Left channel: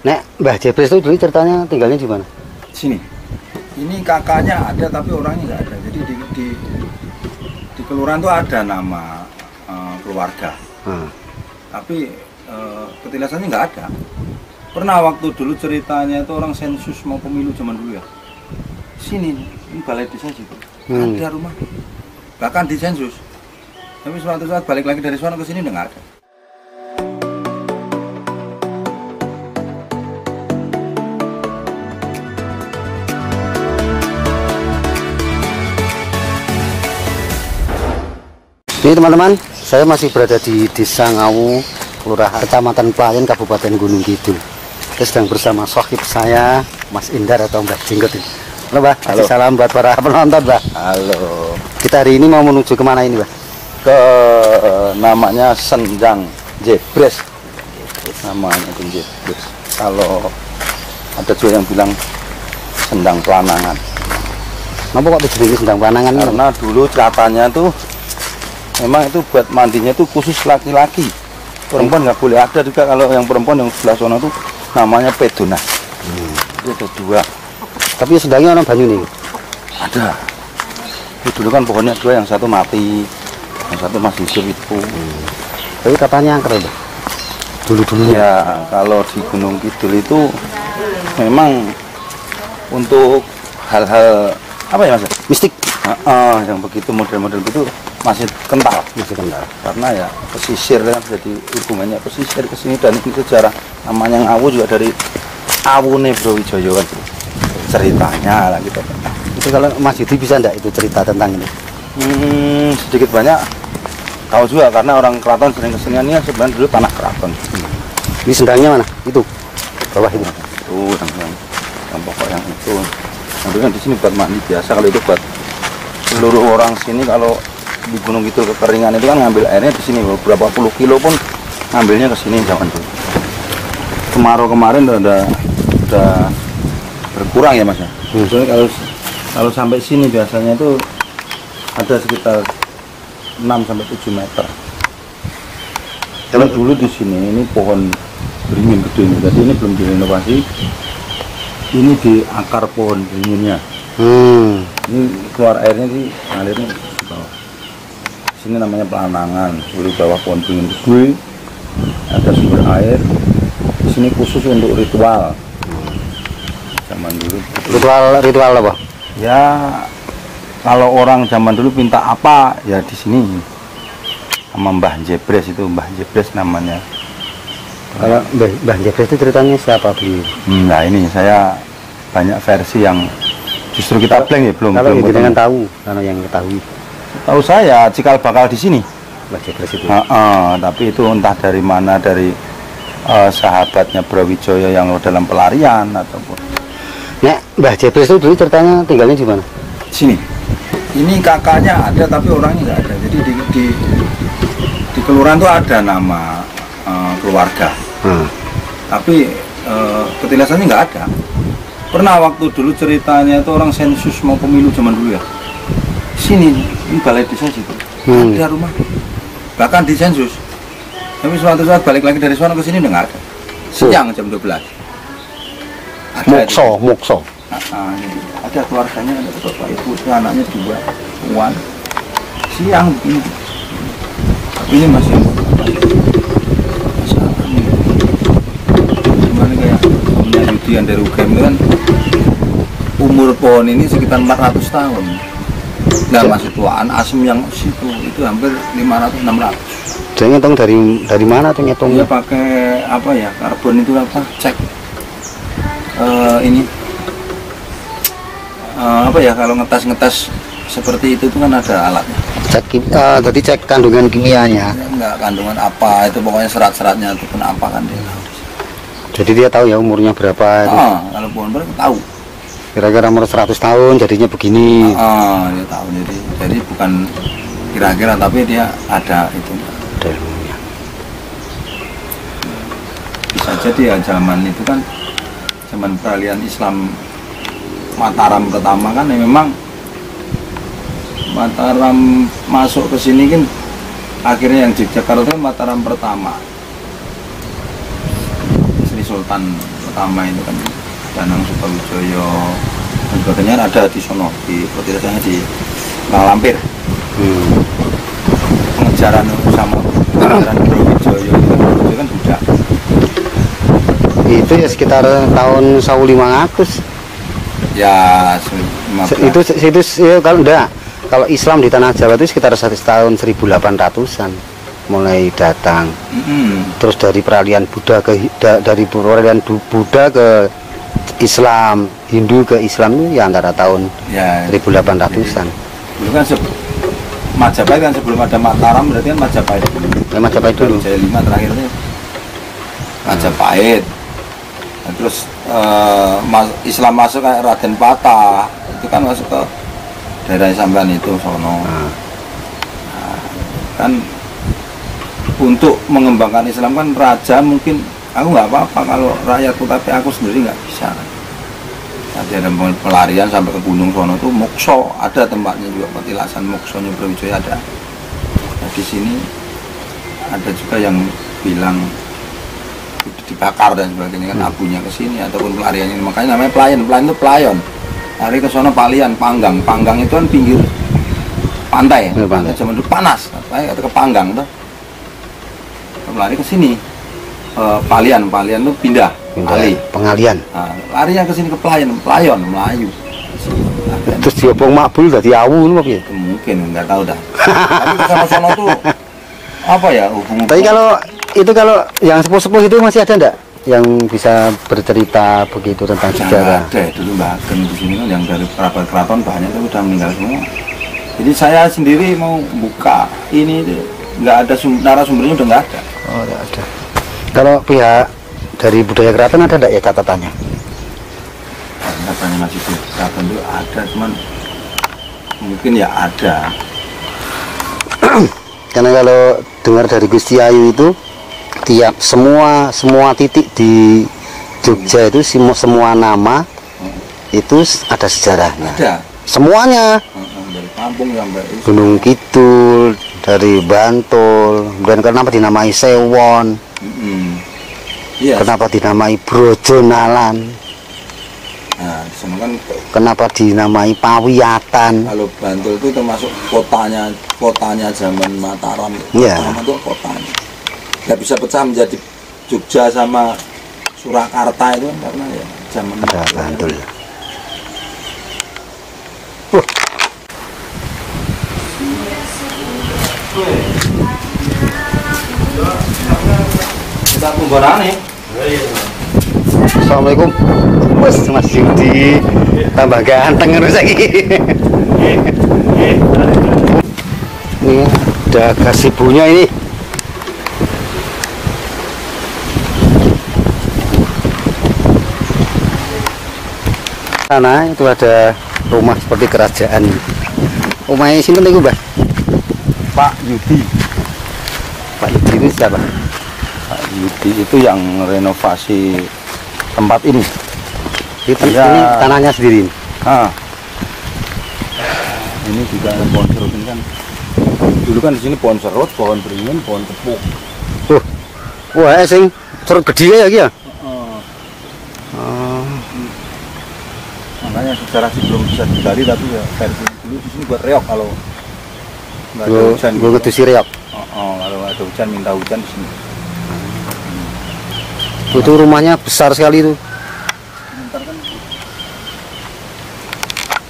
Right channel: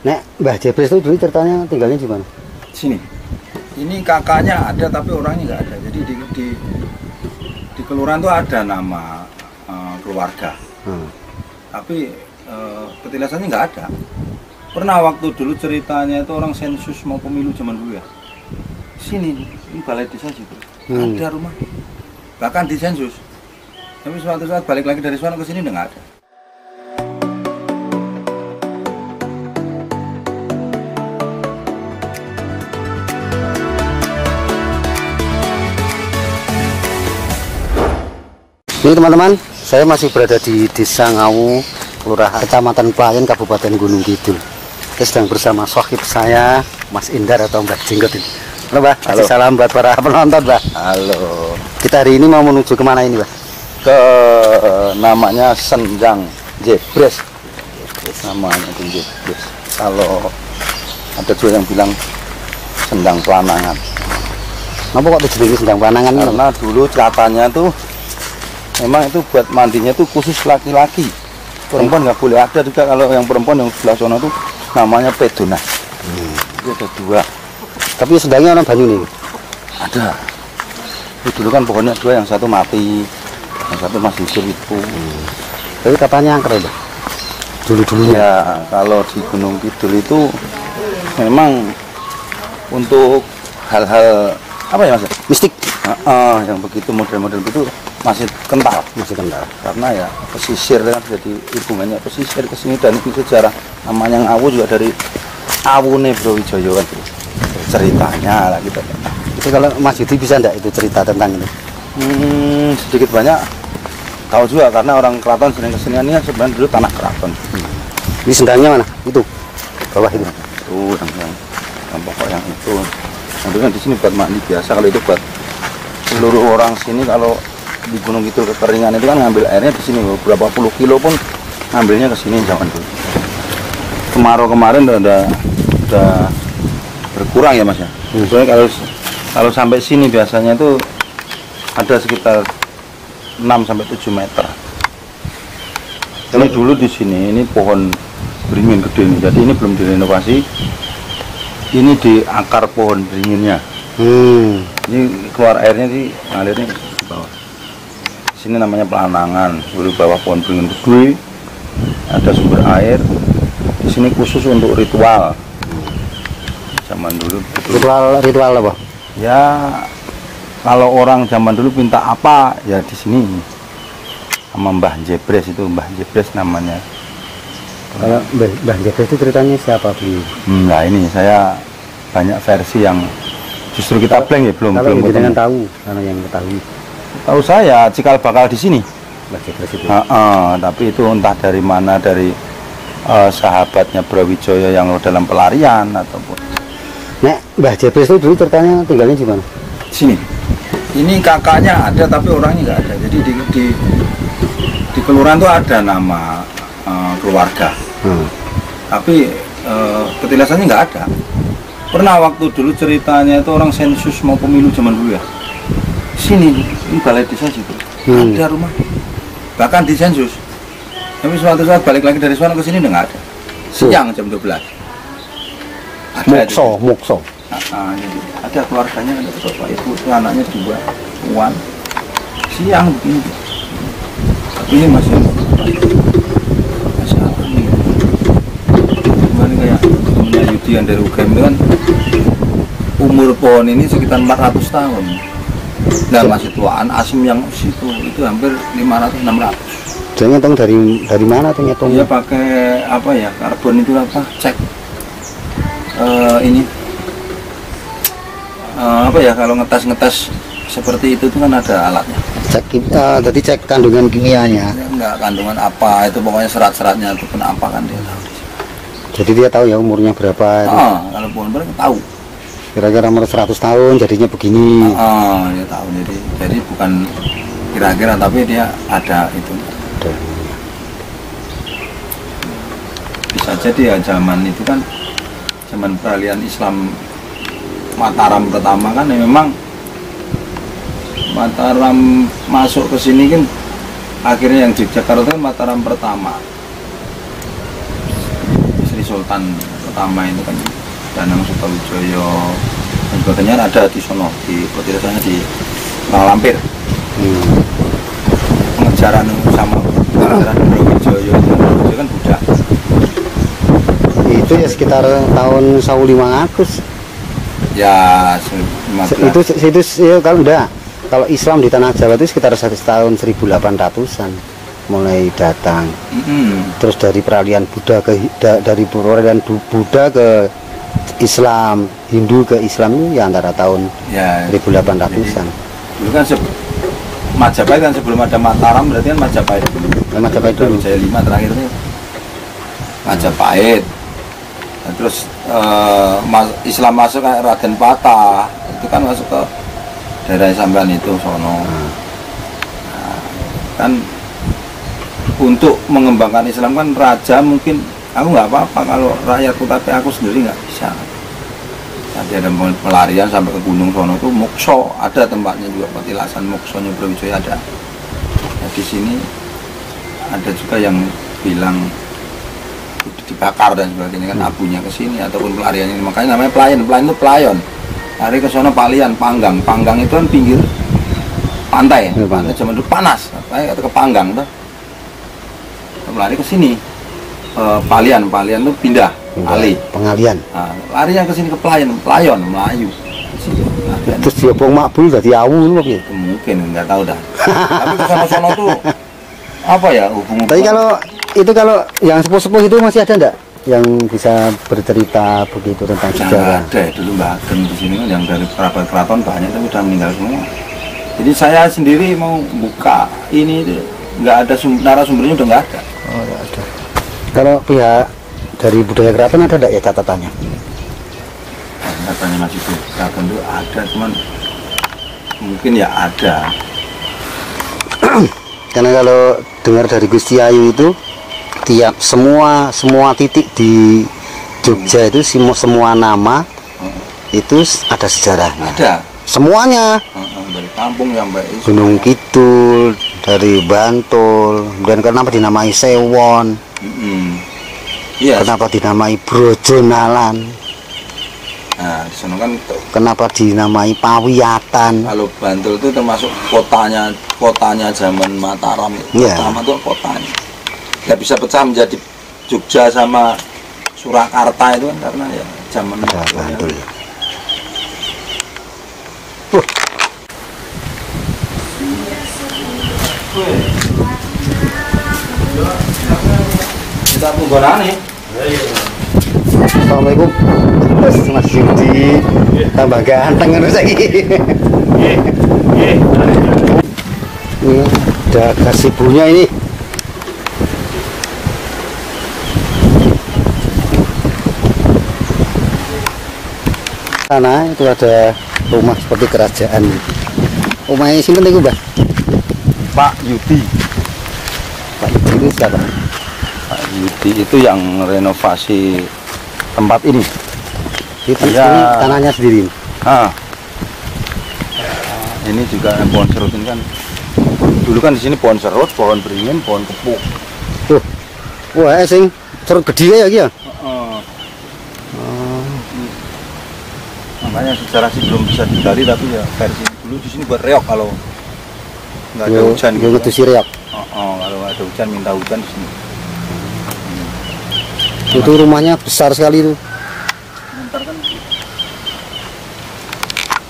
Nek Mbah Jebres itu dulu ceritanya tinggalnya di mana? Sini. Ini kakaknya ada tapi orangnya nggak ada. Jadi di kelurahan itu ada nama keluarga. Tapi petilasannya nggak ada. Pernah waktu dulu ceritanya itu orang sensus mau pemilu zaman dulu ya. Sini, ini balai desa situ. Ada rumah. Bahkan di sensus. Tapi suatu saat balik lagi dari sana ke sini udah nggak ada. Ini teman-teman, saya masih berada di Desa Ngawu, Kelurahan Kecamatan Pelayan, Kabupaten Gunung Kidul. Saya sedang bersama sohib saya, Mas Indar atau Mbah Jenggot ini. Halo Mbah, kasih salam buat para penonton Mbah. Halo. Kita hari ini mau menuju kemana ini Mbah? Ke namanya Sendang Jebres. Namanya Jebres. Kalau ada juga yang bilang Sendang Pelanangan. Kenapa kok tujuannya Sendang Pelanangan? Karena dulu katanya tuh memang itu buat mandinya tuh khusus laki-laki. Perempuan nggak boleh ada juga. Kalau yang perempuan yang sebelah sana tuh namanya pedona. Itu ada dua. Tapi sedangnya orang banyu nih. Ada. Itu dulu kan pohonnya dua, yang satu mati, yang satu masih hidup itu. Tapi katanya angker Mbah. Dulu-dulu ya. Kalau di Gunung Kidul itu memang untuk hal-hal apa ya Mas? Mistik. Yang begitu model-model itu masih kental, karena ya pesisir kan, jadi hubungannya pesisir ke sini. Dan itu sejarah namanya Ngawu juga dari Awune Brawijaya kan ceritanya lah gitu. Itu kalau Mas Yudi bisa enggak itu cerita tentang ini? Sedikit banyak tahu juga, karena orang keraton sering kesenian ini sebenarnya dulu tanah keraton. Ini sendangnya mana? Itu bawah itu. Itu yang pokok yang itu. Yang kan di sini buat mandi biasa. Kalau itu buat seluruh orang sini, kalau di Gunung Kidul kekeringan itu kan ngambil airnya di sini, beberapa puluh kilo pun ngambilnya ke sini zaman dulu. Kemarau kemarin udah berkurang ya Mas ya. Soalnya kalau sampai sini biasanya itu ada sekitar 6 sampai 7 meter. Kalau dulu di sini ini pohon beringin gede ini, jadi ini belum direnovasi. Ini di akar pohon beringinnya. Ini keluar airnya sih, ngalirnya di bawah. Sini namanya Pelanangan, di bawah pohon beringin gede, ada sumber air. Di sini khusus untuk ritual. Zaman dulu. Ritual apa? Ya, kalau orang zaman dulu minta apa, ya di sini. Sama Mbah Jebres, itu Mbah Jebres namanya. Kalau Mbah Jebres itu ceritanya siapa beliau? Nah ini saya banyak versi yang justru kita blank ya, belum dengan tahu, karena yang ketahui. Tahu saya cikal bakal di sini. Mbah Jebres itu. Tapi itu entah dari mana, dari sahabatnya Brawijaya yang dalam pelarian ataupun. Nek Mbah Jebres itu dulu ceritanya tinggalnya di mana? Sini. Ini kakaknya ada tapi orangnya nggak ada. Jadi di kelurahan itu ada nama keluarga. Tapi petilasannya nggak ada. Pernah waktu dulu ceritanya itu orang sensus mau pemilu zaman dulu ya. Sini, ini balai desa situ. Ada rumah. Bahkan di sensus. Tapi suatu saat balik lagi dari sana ke sini udah nggak ada. Siang jam 12. Ada Mokso. Ada keluarganya, ada bapak ibu, anaknya 2, Wan. Siang begini. Tapi ini masih alami. Gimana kayak temennya Yudi yang dari UGM itu kan, umur pohon ini sekitar 400 tahun. Nah masih tuaan asem yang situ itu hampir 500-600. Dia ngitung dari mana tuh ngitungnya? Dia pakai apa ya, karbon itu apa, cek ini apa ya, kalau ngetes seperti itu tuh kan ada alatnya. Jadi cek kandungan kimianya. Ya, enggak kandungan apa itu, pokoknya serat-seratnya itu pun apa kan dia tahu. Jadi dia tahu ya umurnya berapa. Kalau pohon beringin tahu. Kira-kira umur 100 tahun jadinya begini. Dia tahu. Jadi bukan kira-kira, tapi dia ada itu. Bisa jadi ya zaman itu kan, zaman peralihan Islam Mataram pertama kan, ya memang Mataram masuk ke sini kan, akhirnya yang di Jakarta kan Mataram pertama. Sultan pertama itu kan Danang Sukawijoyo dan sebagainya ada di sono, di petirasanya di Malampir. Pengejaran sama pengejaran Brawijaya itu kan, Brawijaya kan budak. Itu ya sekitar tahun 1500. Ya, Itu ya, kalau enggak, kalau Islam di tanah Jawa itu sekitar tahun 1800-an mulai datang. Terus dari peralihan Buddha dari peralihan Buddha ke Islam, Hindu ke Islam itu ya antara tahun ya, 1800-an. Dulu kan Majapahit kan sebelum ada Mataram berarti kan Majapahit dulu. Ya, Majapahit dulu. Jaya 5 terakhir itu Majapahit. Nah, terus Islam masuk kayak Raden Patah itu kan masuk ke daerah sampean itu sono. Nah, kan untuk mengembangkan Islam kan raja mungkin aku nggak apa-apa kalau rakyatku, tapi aku sendiri nggak bisa. Nanti ada pelarian sampai ke gunung sono itu mokso, ada tempatnya juga petilasan moksonya Brawijaya ada. Nah, di sini ada juga yang bilang dibakar dan sebagainya kan abunya ke sini ataupun pelariannya, makanya namanya pelayan itu pelayon. Lari ke sono Palian, Panggang itu kan pinggir pantai, pantai zaman dulu panas, atau ke Panggang tuh. Lari ke sini Palian tuh pindah alih pengalian. Nah, larinya ke sini ke Pelayon Melayu. Terus diobong makbul dari awu loh ya. Mungkin nggak tahu dah. Tapi ke sono tuh apa ya hubungan. Tapi kalau yang sepuh-sepuh itu masih ada enggak yang bisa bercerita begitu tentang sejarah? Ada ya, dulu Mbak Ageng di sini kan yang dari kerabat keraton banyak tapi udah meninggal semua. Jadi saya sendiri mau buka ini nggak ada narasumbernya, udah nggak ada. Oh, nggak ada. Kalau pihak dari budaya keraton ada enggak ya catatannya? Catatannya masih di keraton itu ada, cuman mungkin ya ada. Karena kalau dengar dari Gusti Ayu itu tiap semua titik di Jogja itu semua nama itu ada sejarahnya. Ada. Semuanya. Dari kampung sampai Gunung Kidul, dari Bantul, dan kenapa dinamai Sewon? Iya. Kenapa dinamai Brojonalan? Nah, di sana kan kenapa dinamai Pawiatan? Kalau Bantul itu termasuk kotanya zaman Mataram. Iya. Mataram itu kotanya. Nggak bisa pecah menjadi Jogja sama Surakarta itu kan karena ya zaman Bantul. Kita penggunaan nih. Assalamualaikum. Mas Yudi tambah ganteng kan lagi. Ini ada gazebo-nya ini. Sana itu ada rumah seperti kerajaan. Rumahnya sini nih Mbah. Pak Yudi. Pak Yudi itu siapa? Pak Yudi itu yang renovasi tempat ini. Ini tanahnya sendiri. Ini juga pohon serut ini kan. Dulu kan di sini pohon serut, pohon beringin, pohon tepuk. Wah, sing serut gede ya iki ya. Makanya secara sih belum bisa digali, tapi ya versi dulu di sini buat reok kalau nggak ada hujan. Gue ngetusi reok. Kalau nggak ada hujan minta hujan di sini. Itu rumahnya besar sekali itu.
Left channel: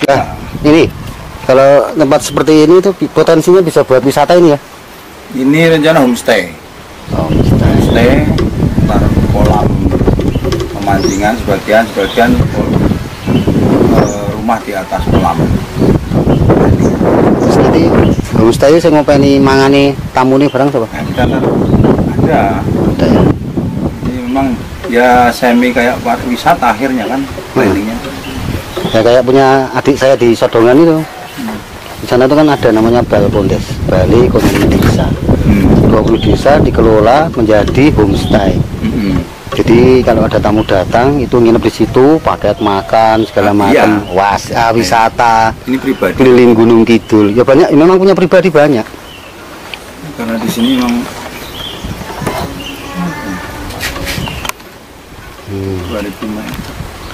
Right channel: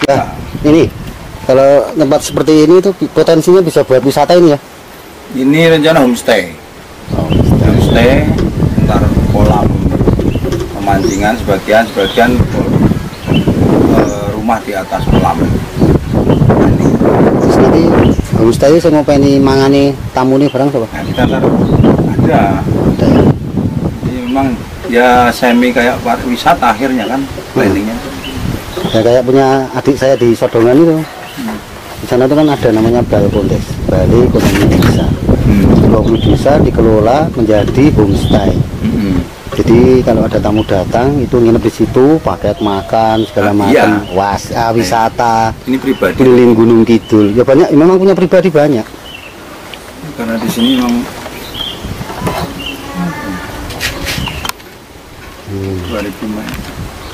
Ya, ini kalau tempat seperti ini itu potensinya bisa buat wisata ini ya. Ini rencana homestay. Homestay, ntar kolam pemancingan sebagian rumah di atas kolam. Terus nanti homestay saya mau pengen mangani tamu nih barang coba. Nah, kita ntar ada ya. Jadi memang ya semi kayak wisata akhirnya kan planningnya. Ya kayak punya adik saya di Sodongan itu. Di sana itu kan ada namanya Balkondes, Balai Ekonomi Desa. 20 desa dikelola menjadi homestay. Jadi kalau ada tamu datang itu nginep di situ, paket makan segala macam, wisata. Ini pribadi. Keliling Gunung Kidul. Ya banyak, memang punya pribadi banyak. Karena di sini memang Hmm. 2000 meter.